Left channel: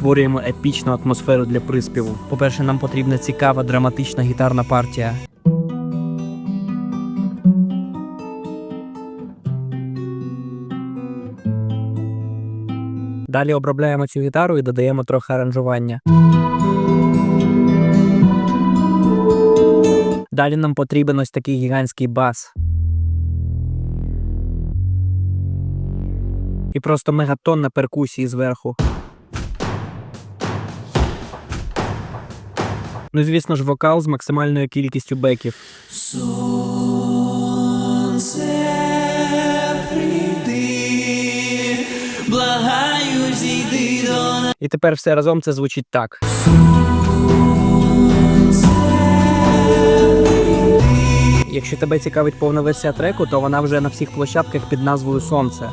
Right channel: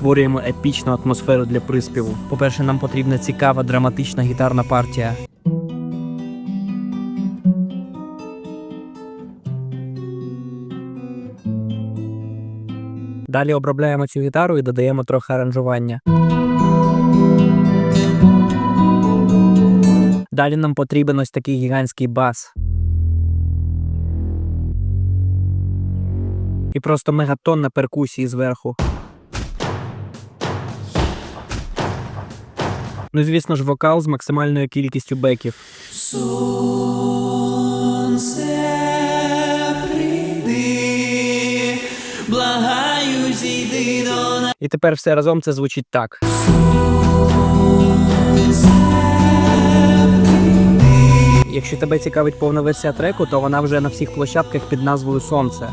створюємо епічну атмосферу для приспіву. По-перше, нам потрібна цікава драматична гітарна партія. Далі обробляємо цю гітару і додаємо трохи аранжування. Далі нам потрібен ось такий гігантський бас. І просто мегатонна перкусії зверху. Ну, звісно ж, вокал з максимальною кількістю беків. Благаю, зійди до нас. І тепер все разом це звучить так. Якщо тебе цікавить повна версія треку, то вона вже на всіх площадках під назвою Сонце.